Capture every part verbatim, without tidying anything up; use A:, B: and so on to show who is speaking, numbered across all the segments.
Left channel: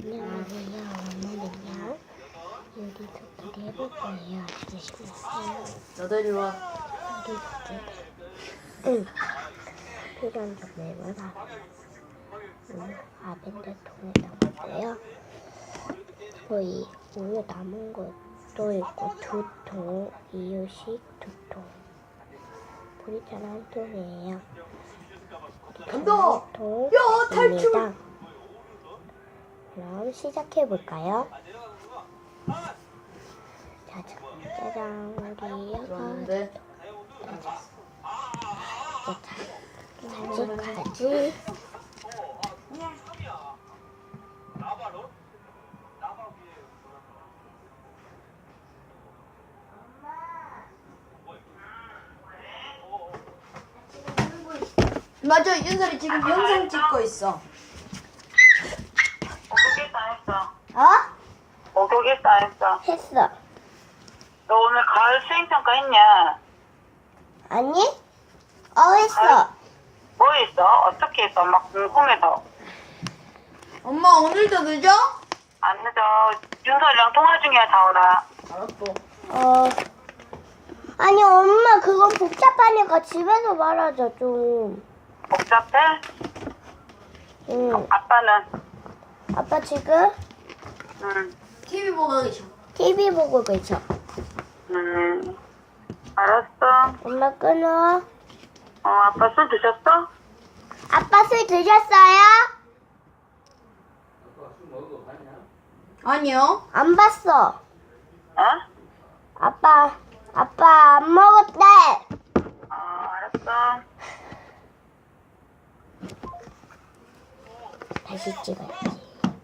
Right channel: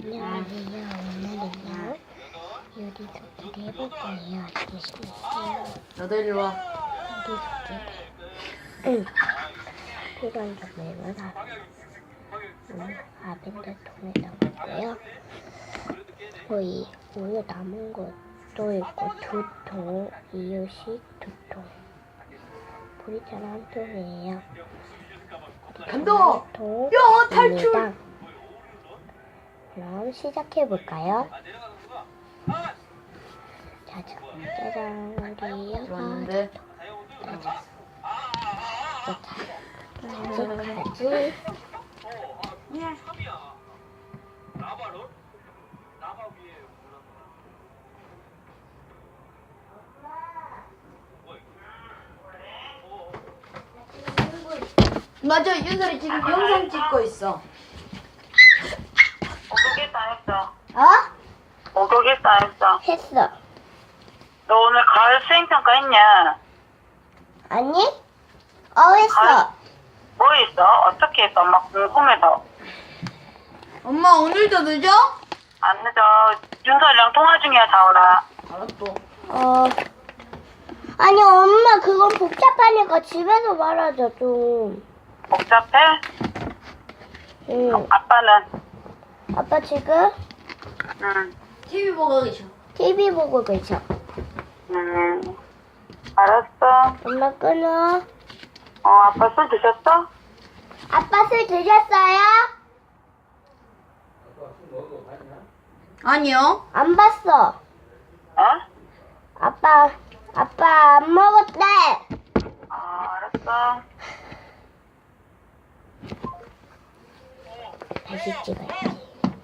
A: 안녕하세요. 오늘은요 요리 소개를 해볼 거예요. 알겠습니다.
B: 너도 이리 와.
A: 요리 소개. 응. 필요한 재료는 음, 아벤드통에 담았고요. 거의 우유 남은 것도 있고 두 통, 이유식 두 통. 보리차는 한 통이에요.
B: 간다!
A: 한 통입니다. 그럼 시작해 볼까요? 짜장, 짜장 우리
B: 들어왔는데.
A: 짜장, 짜장, 가지.
B: 맞아, 윤설이 지금 영상 찍고 있어.
C: 목욕했어 안 했어?
A: 어?
C: 목욕했어 안 했어?
A: 했어.
C: 너 오늘 가을 수행평가 했냐?
A: 아니? 어, 했어.
C: 뭐 했어? 어떻게 했어? 엄마 궁금해서.
B: 엄마, 오늘도 늦어?
C: 안 늦어. 윤설이랑 통화 중이야, 자오라.
B: 알았어.
A: 어. 아니, 엄마, 그건 복잡하니까 집에서 말하자, 좀.
C: 복잡해?
A: 응.
C: 아빠는?
A: 아빠 지금
C: 응.
B: 티비 보고 계셔.
A: 티비 보고 계셔.
C: 음. 알았어.
A: 엄마 끊어.
C: 어, 아빠 술 드셨어?
A: 아빠 술 드셨어요?
B: 아니요.
A: 안 봤어.
C: 어?
A: 아빠, 아빠 안 먹었대.
C: 어, 알았어.
A: 다시 찍어야지.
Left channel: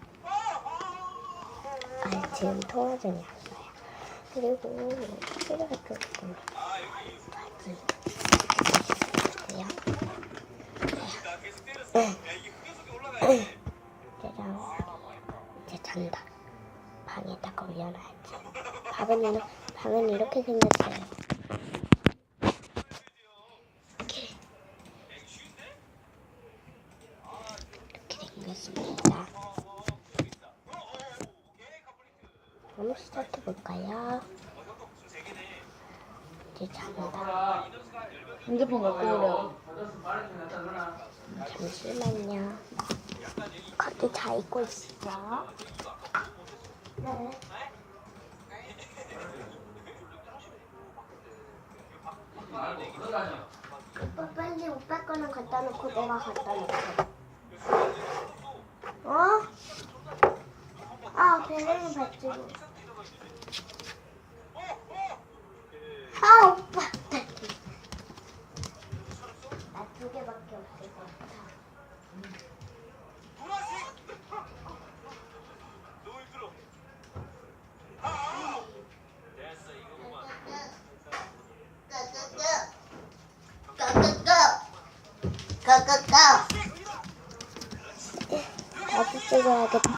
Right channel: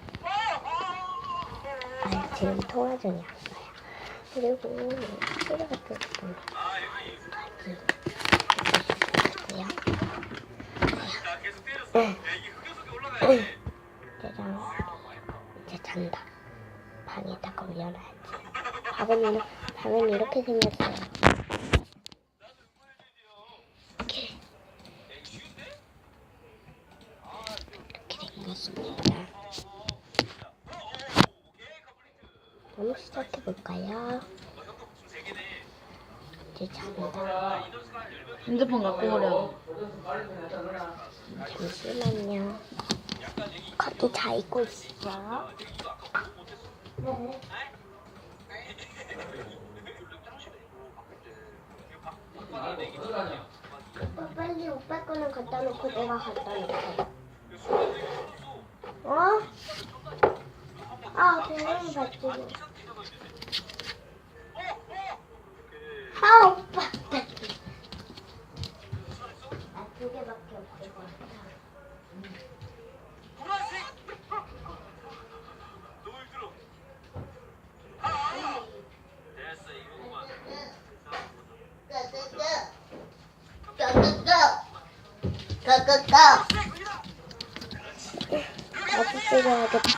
A: 아, 지금 통화 중이었어요. 그리고 필요 같은 거 가지. 있어요. 응. 짜장. 이제 잔다. 방에다가 올려놔야지. 밥은, 방은 이렇게 생겼어요. 이렇게. 이렇게 생겼습니다. 그럼 시작해볼까요? 이제 잔다.
B: 핸드폰 갖고 오려.
A: 잠시만요. 커피 잘 익고 있어. 네. 오빠 빨리 오빠 거는 갖다 놓고 내가 갖다 놓고. 어? 아, 배경이 받지. 아, 오빠. 나 두 개밖에 없을 것 같아. 다시 찍어야겠다.